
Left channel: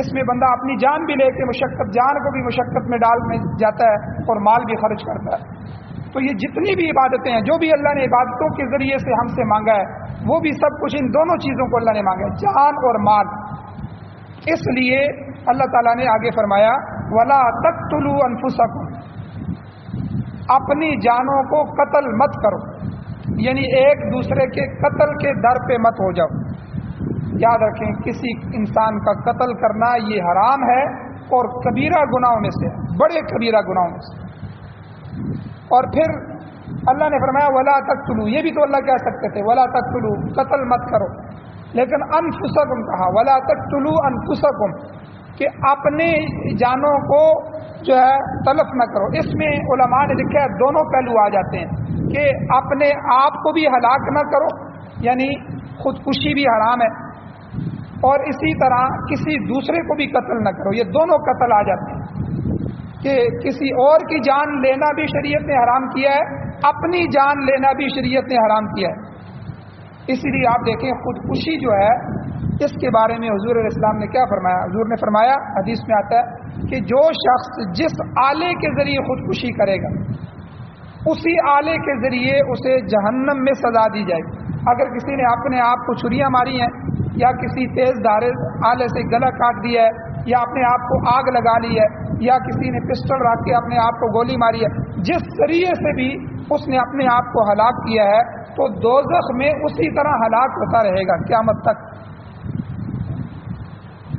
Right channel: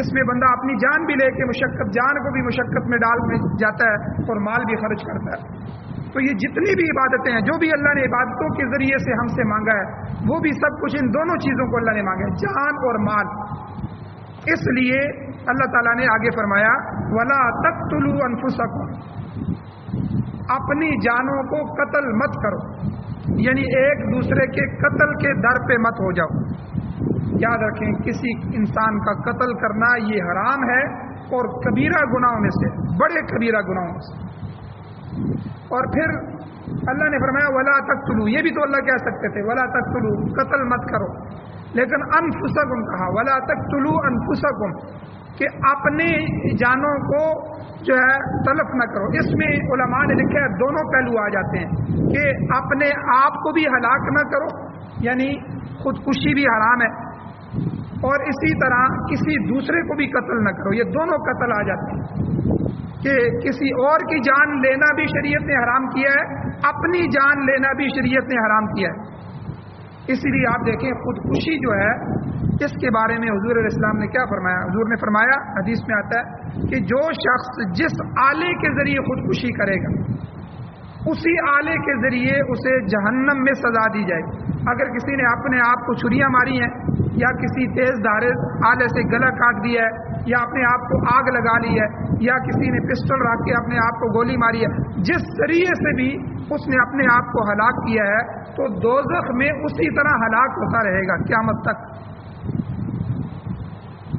اس میں بندہ اپنی جان بھی لے کے مشقت، جان کو بھی مشقت میں ڈال میں جاتا ہے اور مال بھی خرچ کرتا ہے۔ تو یہ جتنی بھی عبادتیں ہیں، جو بھی اللہ نے عبادتوں کے ذریعے سے ہم سے مانگا ہے، وہ بھی سب کچھ ان دونوں چیزوں کو اللہ نے مانگا ہے، جان اور مال۔ اس لیے اللہ تعالیٰ نے آگے فرمایا وَلَا تَقْتُلُوا أَنفُسَكُمْ، اپنی جانوں کو قتل مت کرو، یعنی ایک دوسرے کے قتل کے در پہ مت ہو جاؤ۔ یاد رکھیں کسی انسان کا قتل کرنا یہ حرام ہے اور کبیرہ گناہوں میں سے، بڑے کبیرہ گناہوں میں سے۔ اور پھر اللہ نے فرمایا وَلَا تَقْتُلُوا، یہ بھی تو اللہ کہہ سکتے تھے وَلَا تَقْتُلُوا، قتل مت کرو، لیکن انفسکم کہا، وَلَا تَقْتُلُوا انفسکم، کہ اپنے جانوں کو جو ہے تلف نہ کرو۔ اس میں علماء نے لکھا ہے دونوں پہلو آ جاتے ہیں کہ اپنے آپ کو بھی ہلاک نہ کرو، یعنی خودکشی بھی حرام ہے، اور اسی طرح کسی دوسرے کو بھی قتل نہ کرو، یہ دونوں قتل آ جاتے ہیں کہ کسی اور کی جان لینا بھی شریعت نے حرام کیا ہے، اپنی جان لینا بھی شریعت نے حرام کیا ہے۔ اسی لیے آپ دیکھیں خودکشی جو ہے، اس کے بارے میں حضور علیہ السلام نے کیا فرمایا؟ حضور نے فرمایا، حدیث میں آتا ہے کہ جو شخص جس آلے کے ذریعے خودکشی کرے گا، اسی آلے کے ذریعے اسے جہنم میں سزا دی جائے گی۔ اگر کسی نے اپنے آپ کو چھریاں ماری ہیں، یا کسی تیز دھارے آلے سے گلا کاٹ دیا ہے، یا اپنے آپ کو آگ لگا لی ہے، یا کسی نے پسٹل رکھ کے اپنے آپ کو گولی ماری ہے، جس ذریعے سے بھی اس نے اپنے آپ کو ہلاک کیا ہے، تو دوزخ میں اسی طرح ہلاک ہوتا رہے گا قیامت تک۔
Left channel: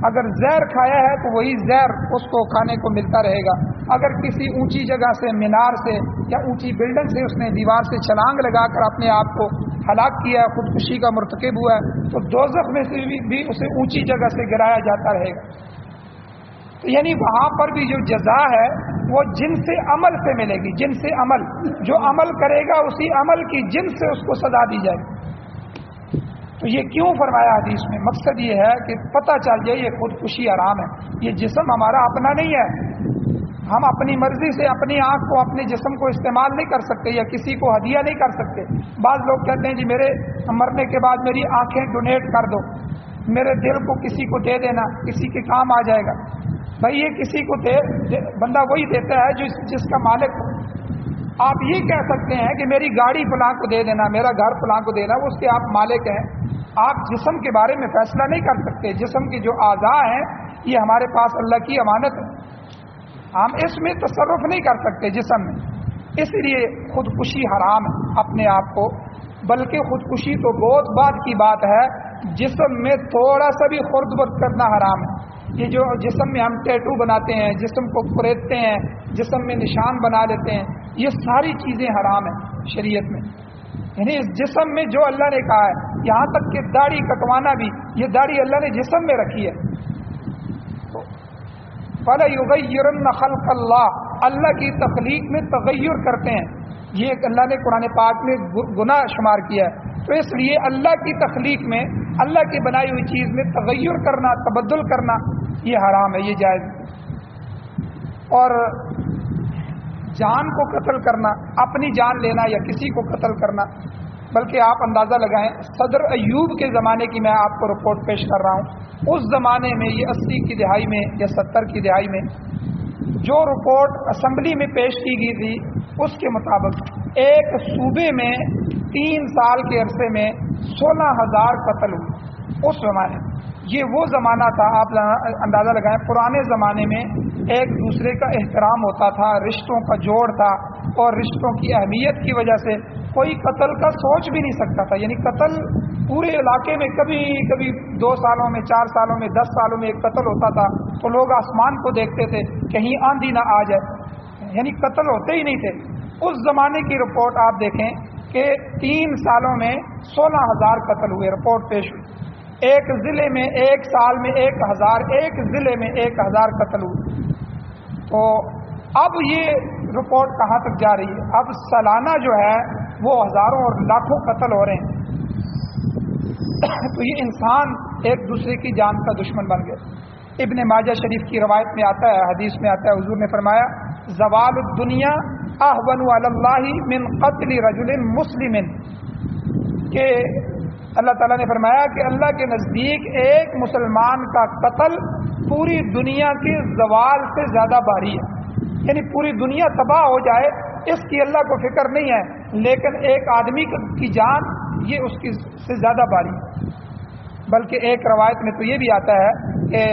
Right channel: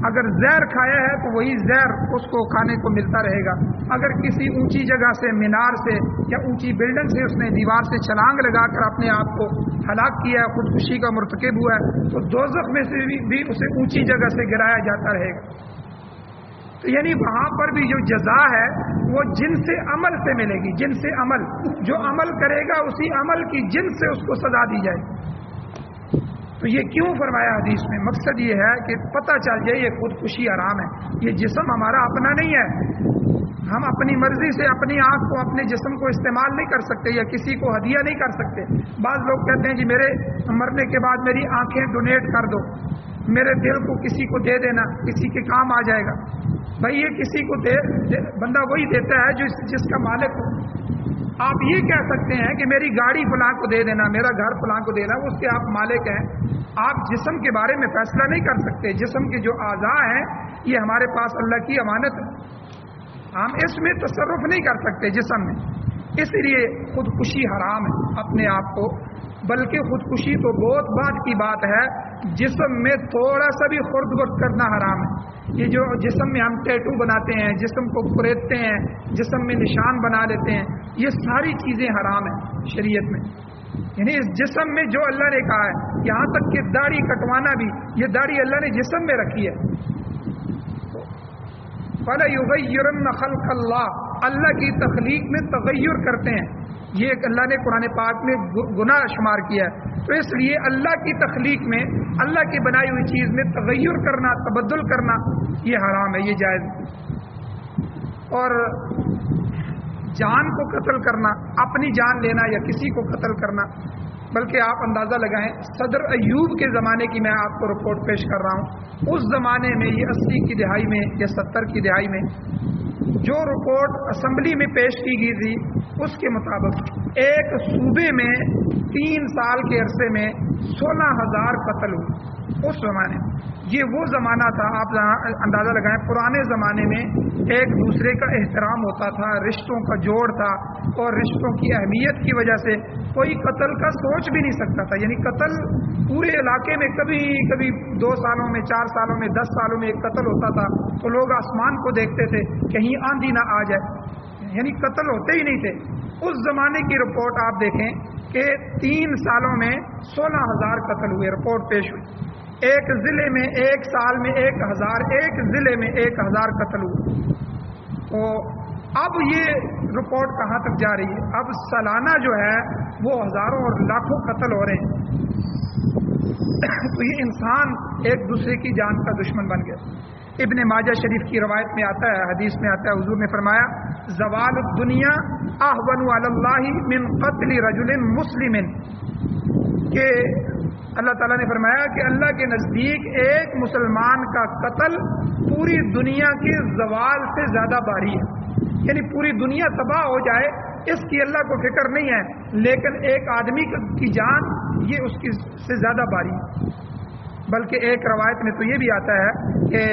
اگر زہر کھایا ہے تو وہی زہر اس کو کھانے کو ملتا رہے گا۔ اگر کسی اونچی جگہ سے، مینار سے یا اونچی بلڈنگ سے اس نے دیوار سے چھلانگ لگا کر اپنے آپ کو ہلاک کیا ہے، خودکشی کا مرتکب ہوا ہے، تو دوزخ میں سے بھی اسے اونچی جگہ سے گرایا جاتا رہے گا۔ یعنی وہاں پر بھی جو جزا ہے وہ جن سے عمل سے ملے گی، جن سے عمل، جو عمل کرے گا اسی عمل کی جن سے اس کو سزا دی جائے گی۔ تو یہ کیوں فرمایا حدیث میں؟ مقصد یہ ہے کہ پتہ چل جائے یہ خودکشی حرام ہے، یہ جسم ہمارا اپنا نہیں ہے، ہم اپنی مرضی سے اپنی آنکھ کو، اپنے جسم کو استعمال نہیں کر سکتے یا کسی کو ہدیہ نہیں کر سکتے۔ بعض لوگ کہتے ہیں کہ میرے مرنے کے بعد میری آنکھیں ڈونیٹ کر دو، میرے دل کو کسی کو دے دینا، کسی کے کام آ جائے گا۔ بھائی یہ کسی کو بندہ وہی دیتا ہے جس کا مالک ہو. آپ یہ کہہ سکتے ہیں کہ میری گاڑی فلاں کو دے دینا، میرا گھر فلاں کو دینا، اس کے آپ مالک ہیں. آپ جسم کے بارے میں فیصلہ نہیں کر سکتے. جسم کے جو اعضاء ہیں یہ ہمارے پاس اللہ کی امانت ہے، ہم اس میں تصرف نہیں کر سکتے جسم میں. اس لیے خودکشی حرام ہے اپنے آپ کو، بلکہ خودکشی تو بہت بعد کی بات ہے. جسم میں تھوڑا سا بھی خرد برد کرنا حرام ہے. یہ جو جسم میں ہم ٹیٹو بناتے ہیں، جسم کو کریدتے ہیں، جسم میں نشان بنا لیتے ہیں، یہ ساری چیزیں حرام ہیں شریعت میں. یعنی اس جسم میں جو اللہ نے کہا ہے، یہاں تک کہ داڑھی کٹوانا بھی، یہ داڑھی اللہ نے جسم میں رکھی ہے. فَلَيُغَيِّرَنَّ خَلْقَ اللَّهِ، اللہ کی تخلیق میں تغیر کرتے ہیں. یہ ایک اللہ نے قرآن پاک میں گناہ شمار کیا ہے. تو اس لیے اللہ کی تخلیق میں، اللہ کی بنائی ہوئی چیز میں تغیر کرنا، تبدل کرنا یہ حرام ہے، یہ جائز. اور جان کو قتل کرنا، اپنی جان لینا یا کسی کو قتل کرنا، بلکہ آپ اندازہ لگائیں صدر ایوب کے زمانے کی میں آپ کو رپورٹ پیش کر رہا ہوں. اس زمانے میں یہ 80 کی دہائی میں یا 70 کی دہائی میں جو رپورٹ اسمبلی میں پیش کی گئی تھی، اس کے مطابق ایک صوبے میں 3 سال کے عرصے میں 16,000 قتل ہوئے اس زمانے میں. یہ وہ زمانہ تھا، آپ اندازہ لگائیں پرانے زمانے میں ایک دوسرے کا احترام ہوتا تھا، رشتوں کا جوڑ تھا، اور رشتوں کی اہمیت کی وجہ سے کوئی قتل کا سوچ بھی نہیں سکتا تھا. یعنی قتل پورے علاقے میں کبھی 2 سالوں میں، 4 سالوں میں، 10 سالوں میں ایک قتل ہوتا تھا تو لوگ آسمان کو دیکھتے تھے کہیں آندھی نہ آ جائے. یعنی قتل ہوتے ہی نہیں تھے. اس زمانے کی رپورٹ آپ دیکھیں کہ 3 سالوں میں 16,000 قتل ہوئے، رپورٹ پیش ہوئی. ایک ضلع میں ایک سال میں 1,000، ایک ضلع میں 1,000 قتل ہوئے. تو اب یہ رپورٹ کہاں تک جا رہی ہے؟ اب سالانہ جو ہے وہ ہزاروں اور لاکھوں قتل ہو رہے ہیں. تو یہ انسان ایک دوسرے کی جان کا دشمن بن گئے. ابن ماجہ شریف کی روایت میں آتا ہے، حدیث میں آتا ہے، حضور نے فرمایا زوال الدنیا اہون علی اللہ من قتل رجل مسلم، کہ اللہ تعالیٰ نے فرمایا کہ اللہ کے نزدیک ایک مسلمان کا قتل پوری دنیا کے زوال سے زیادہ بھاری ہے. یعنی پوری دنیا تباہ ہو جائے اس کی اللہ کو فکر نہیں ہے، لیکن ایک آدمی کی جان یہ اس کی سے زیادہ بھاری. بلکہ ایک روایت میں تو یہ بھی آتا ہے کہ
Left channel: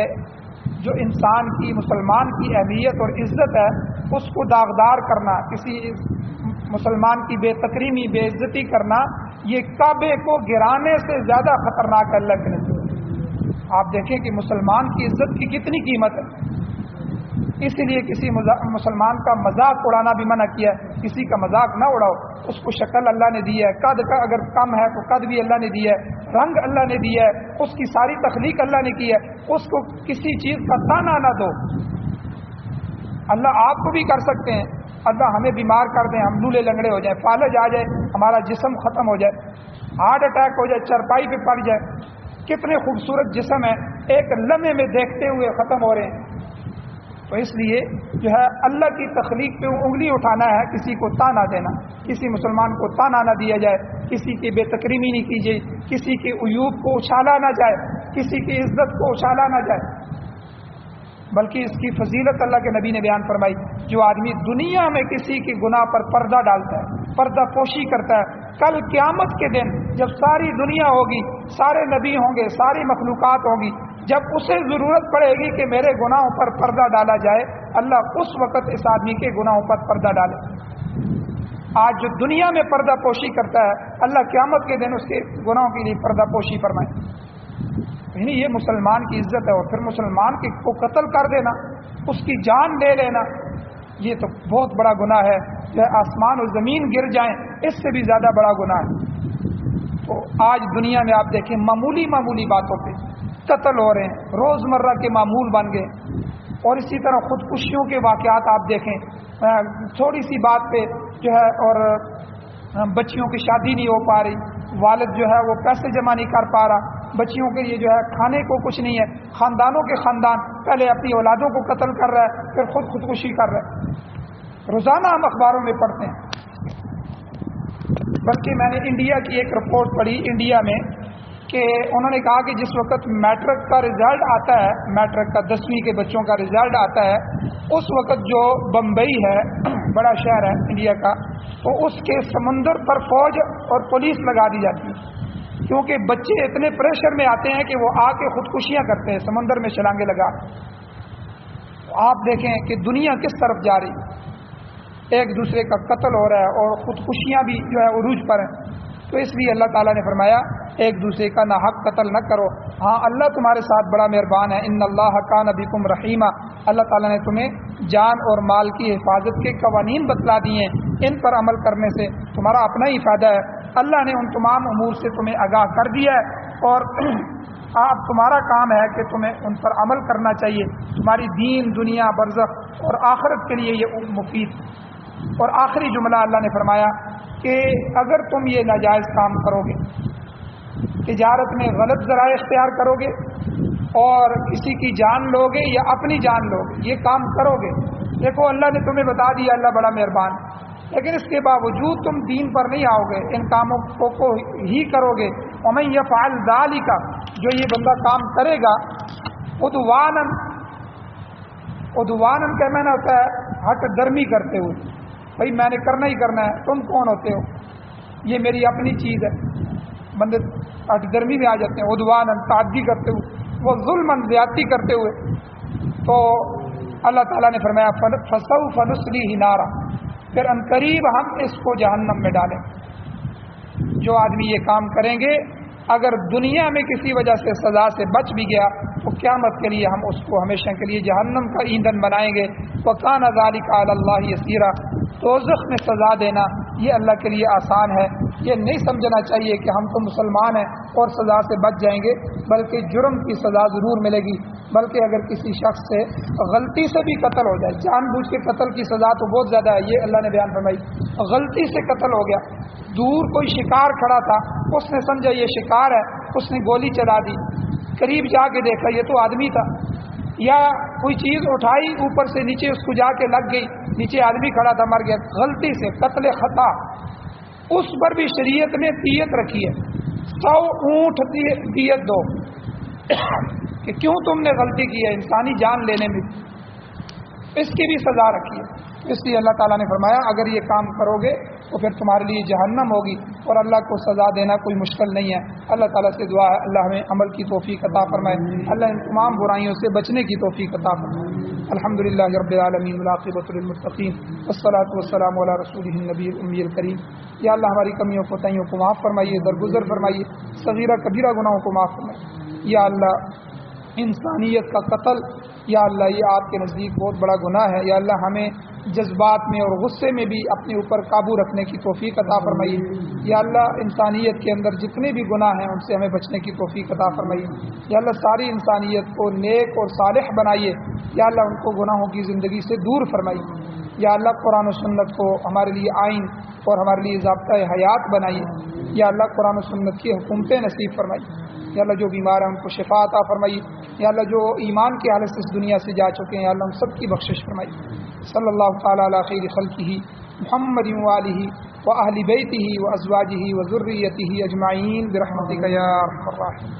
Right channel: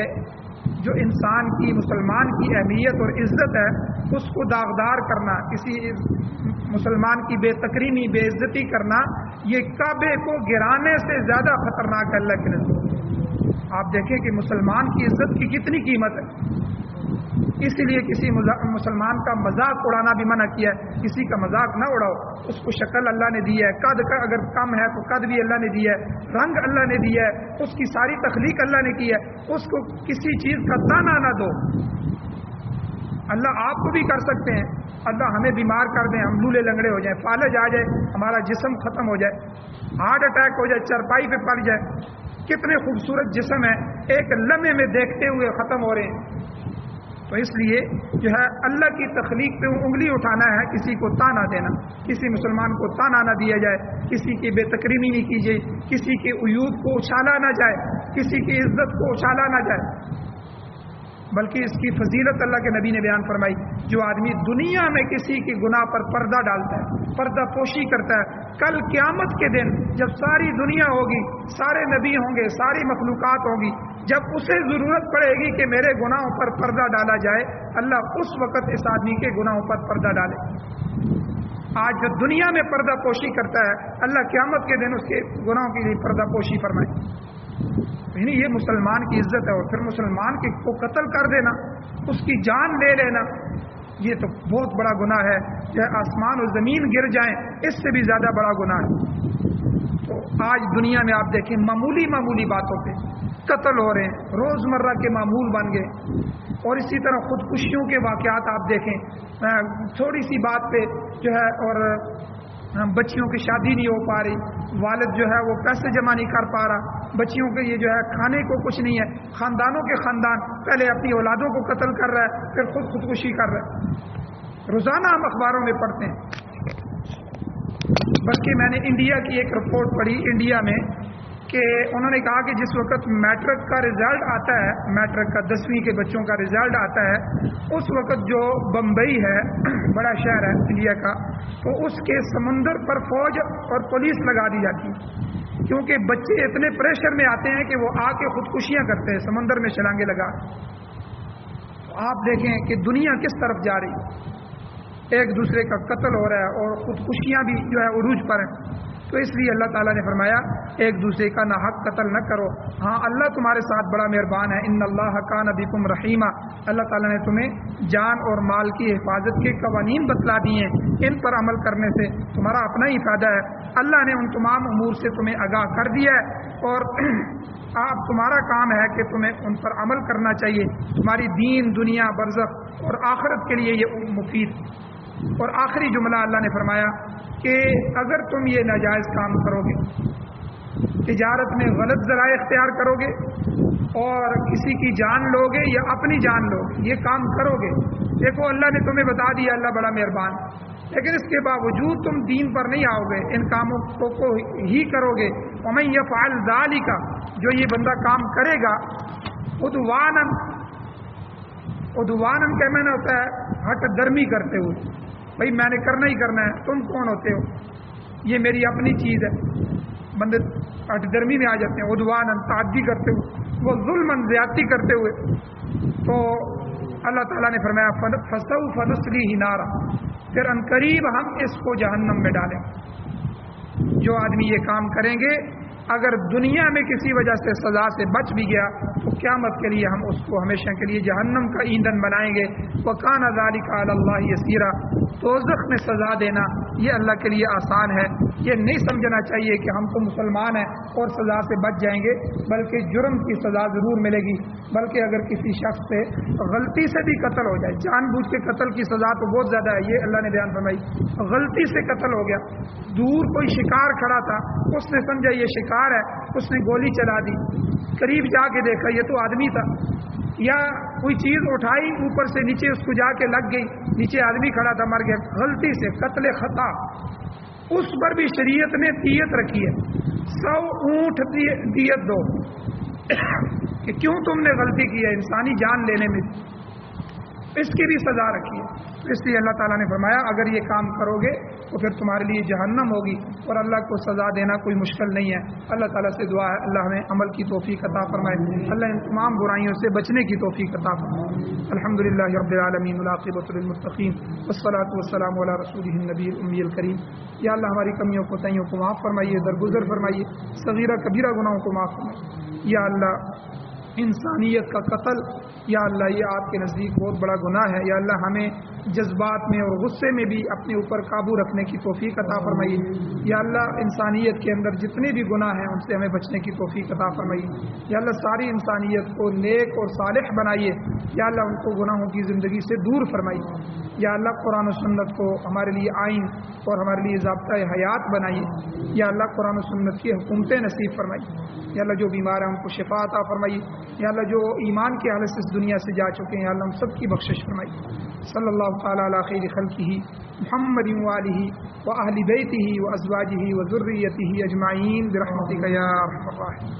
جو انسان کی، مسلمان کی اہلیت اور عزت ہے اس کو داغدار کرنا، کسی مسلمان کی بے تکریمی، بے عزتی کرنا، یہ کعبے کو گرانے سے زیادہ خطرناک ہے اللہ کے نزدیک. آپ دیکھیں کہ مسلمان کی عزت کی کتنی قیمت ہے. اس لیے کسی مسلمان کا مذاق اڑانا بھی منع کیا ہے. کسی کا مذاق نہ اڑاؤ. اس کو شکل اللہ نے دی ہے، قد کا اگر کم ہے تو قد بھی اللہ نے دی ہے، رنگ اللہ نے دی ہے، اس کی ساری تخلیق اللہ نے کی ہے. اس کو کسی چیز کا تانا نہ دو. اللہ آپ کو بھی کر سکتے ہیں. اللہ ہمیں بیمار کر دیں، ہم لولے لنگڑے ہو جائیں، فالج آ جائے، ہمارا جسم ختم ہو جائے، ہارٹ اٹیک ہو جائے، چرپائی پہ پڑ جائے. کتنے خوبصورت جسم ہیں ایک لمحے میں دیکھتے ہوئے ختم ہو رہے ہیں. تو اس لیے جو ہے اللہ کی تخلیق پہ انگلی اٹھانا ہے، کسی کو تانا دینا، کسی مسلمان کو تانا نہ دیا جائے، کسی کی بے تکریمی نہیں کی جائے، کسی کے عیوب کو اچھالا نہ جائے، کسی کی عزت کو اچھالا نہ جائے. بلکہ اس کی فضیلت اللہ کے نبی نے بیان فرمائی. جو آدمی دنیا میں کسی کی گناہ پر پردہ ڈالتا ہے، پردہ پوشی کرتا ہے، کل قیامت کے دن جب ساری دنیا ہوگی، سارے نبی ہوں گے، ساری مخلوقات ہوگی، جب اسے ضرورت پڑے گی کہ میرے گناہوں پر پردہ ڈالا جائے، اللہ اس وقت اس آدمی کے گناہوں پر پردہ ڈالے. آج جو دنیا میں پردہ پوشی کرتا ہے، اللہ قیامت کے دن اس کے گناہوں کے لیے پردہ پوشی فرمائے. یعنی یہ مسلمان کی عزت ہے. اور پھر مسلمان کو قتل کر دینا، اس کی جان لے لینا، یہ تو بہت بڑا گناہ ہے. کہ آسمان اور زمین گر جائیں اس سے بھی زیادہ بڑا گناہ ہے. تو آج دنیا میں آپ دیکھیں معمولی باتوں پہ قتل ہو رہے ہیں، روزمرہ کے معمول بن گئے. اور اسی طرح خودکشیوں کے واقعات آپ دیکھیں، تھوڑی سی بات پہ جو ہے، اور بچیوں کی شادی نہیں ہو پا رہی، والد جو ہے وہ پیسے جمع نہیں کر پا رہا، بچیوں کے یہ جو ہے کھانے کو کچھ نہیں ہے، خاندانوں کے خاندان پہلے اپنی اولادوں کو قتل کر رہا ہے، پھر خودکشی کر رہا ہے. روزانہ ہم اخباروں میں پڑھتے ہیں. بلکہ میں نے انڈیا کی ایک رپورٹ پڑھی. انڈیا میں کہ انہوں نے کہا کہ جس وقت میٹرک کا رزلٹ آتا ہے، میٹرک کا 10ویں کے بچوں کا رزلٹ آتا ہے، اس وقت جو بمبئی ہے بڑا شہر ہے انڈیا کا، تو اس کے سمندر پر فوج اور پولیس لگا دی جاتی ہے، کیونکہ بچے اتنے پریشر میں آتے ہیں کہ وہ آ کے خودکشیاں کرتے ہیں سمندر میں چھلانگے لگا۔ آپ دیکھیں کہ دنیا کس طرف جا رہی ہے، ایک دوسرے کا قتل ہو رہا ہے اور خودکشیاں بھی جو ہے عروج پر ہیں۔ تو اس لیے اللہ تعالیٰ نے فرمایا ایک دوسرے کا ناحق قتل نہ کرو۔ ہاں اللہ تمہارے ساتھ بڑا مہربان ہے، ان اللہ کان بکم رحیمہ، اللہ تعالیٰ نے تمہیں جان اور مال کی حفاظت کے قوانین بتلا دیے ہیں، ان پر عمل کرنے سے تمہارا اپنا ہی فائدہ ہے۔ اللہ نے ان تمام امور سے تمہیں آگاہ کر دیا ہے اور آپ تمہارا کام ہے کہ تمہیں ان پر عمل کرنا چاہیے، تمہاری دین دنیا برزخ اور آخرت کے لیے یہ مفید۔ اور آخری جملہ اللہ نے فرمایا کہ اگر تم یہ ناجائز کام کرو گے، تجارت میں غلط ذرائع اختیار کرو گے اور کسی کی جان لو گے یا اپنی جان لو گے، یہ کام کرو گے، دیکھو اللہ نے تمہیں بتا دیا، اللہ بڑا مہربان، لیکن اس کے باوجود تم دین پر نہیں آؤ گے، ان کاموں کو ہی کرو گے۔ ومن یفعل ذلک، جو یہ بندہ کام کرے گا، عدواناً کا معنی ہوتا ہے ہٹ درمی کرتے ہوئے، بھائی میں نے کرنا ہی کرنا ہے، تم کون ہوتے ہو، یہ میری اپنی چیز ہے، بندے ہٹ درمی میں آ جاتے ہیں، عدواناً تعدی کرتے ہوئے، وہ ظلماً زیادتی کرتے ہوئے۔ تو اللہ تعالیٰ نے فرمایا فسوف نصلیہ نارا، پھر ان قریب ہم اس کو جہنم میں ڈالیں۔ جو آدمی یہ کام کریں گے، اگر دنیا میں کسی وجہ سے سزا سے بچ بھی گیا تو قیامت کے لیے ہم اس کو ہمیشہ کے لیے جہنم کا ایندھن بنائیں گے۔ وَكَانَ ذَلِكَ عَلَى اللَّهِ يَسِيرًا، دوزخ میں سزا دینا یہ اللہ کے لیے آسان ہے۔ یہ نہیں سمجھنا چاہیے کہ ہم تو مسلمان ہیں اور سزا سے بچ جائیں گے، بلکہ جرم کی سزا ضرور ملے گی، بلکہ اگر کسی شخص سے غلطی سے بھی قتل ہو جائے، جان بوجھ کے قتل کی سزا تو بہت زیادہ ہے، یہ اللہ نے بیان فرمائی، غلطی سے قتل ہو گیا، دور کوئی شکار کھڑا تھا، اس نے سمجھا یہ شکار ہے، اس نے گولی چلا دی، قریب جا کے دیکھا یہ تو آدمی تھا، یا کوئی چیز اٹھائی اوپر سے نیچے اس کو جا کے لگ گئی، نیچے آدمی کھڑا تھا مر گیا، غلطی سے قتل خطا، اس پر بھی شریعت نے دیت رکھی ہے، 100 اونٹ دیت دو کہ کیوں تم نے غلطی کی ہے انسانی جان لینے میں، اس کی بھی سزا رکھی ہے۔ اس لیے اللہ تعالیٰ نے فرمایا اگر یہ کام کرو گے تو پھر تمہارے لیے جہنم ہوگی، اور اللہ کو سزا دینا کوئی مشکل نہیں ہے۔ اللہ تعالیٰ سے دعا ہے اللہ ہمیں عمل کی توفیق عطا فرمائے، اللہ ان تمام برائیوں سے بچنے کی توفیق عطا فرمائے۔ الحمدللہ رب العالمین والعاقبۃ للمتقین والصلاۃ والسلام علی رسولہ النبی الأمی الکریم۔ یا اللہ ہماری کمیوں کوتاہیوں کو معاف فرمائیے، درگزر فرمائیے، صغیرہ کبیرہ گناہوں کو معاف فرمائیے۔ یا اللہ انسانیت کا قتل، یا اللہ یہ آپ کے نزدیک بہت بڑا گناہ ہے، یا اللہ ہمیں جذبات میں اور غصے میں بھی اپنے اوپر قابو رکھنے کی توفیق عطا فرمائیے۔ یا اللہ انسانیت کے اندر جتنے بھی گناہ ہیں ان سے ہمیں بچنے کی توفیق عطا فرمائیے۔ یا اللہ ساری انسانیت کو نیک اور صالح بنائیے، یا اللہ ان کو گناہوں کی زندگی سے دور فرمائیے۔ یا اللہ قرآن و سنت کو ہمارے لیے آئین اور ہمارے لیے ضابطۂ حیات بنائیے۔ یا اللہ قرآن و سنت کی حکومتیں نصیب فرمائیے۔ یا اللہ جو بیمار ہیں ان کو شفا عطا فرمائیے۔ یا اللہ جو ایمان کی حالت سے اس دنیا سے جا چکے ہیں یا اللہ ہم سب کی بخشش فرمائیے۔ صلی اللہ تعالی علی خیر خلقہ محمد وآلہ وأہل بیتہ وازواجہ وذریتہ اجمعین برحمتک یا ارحم الراحمین۔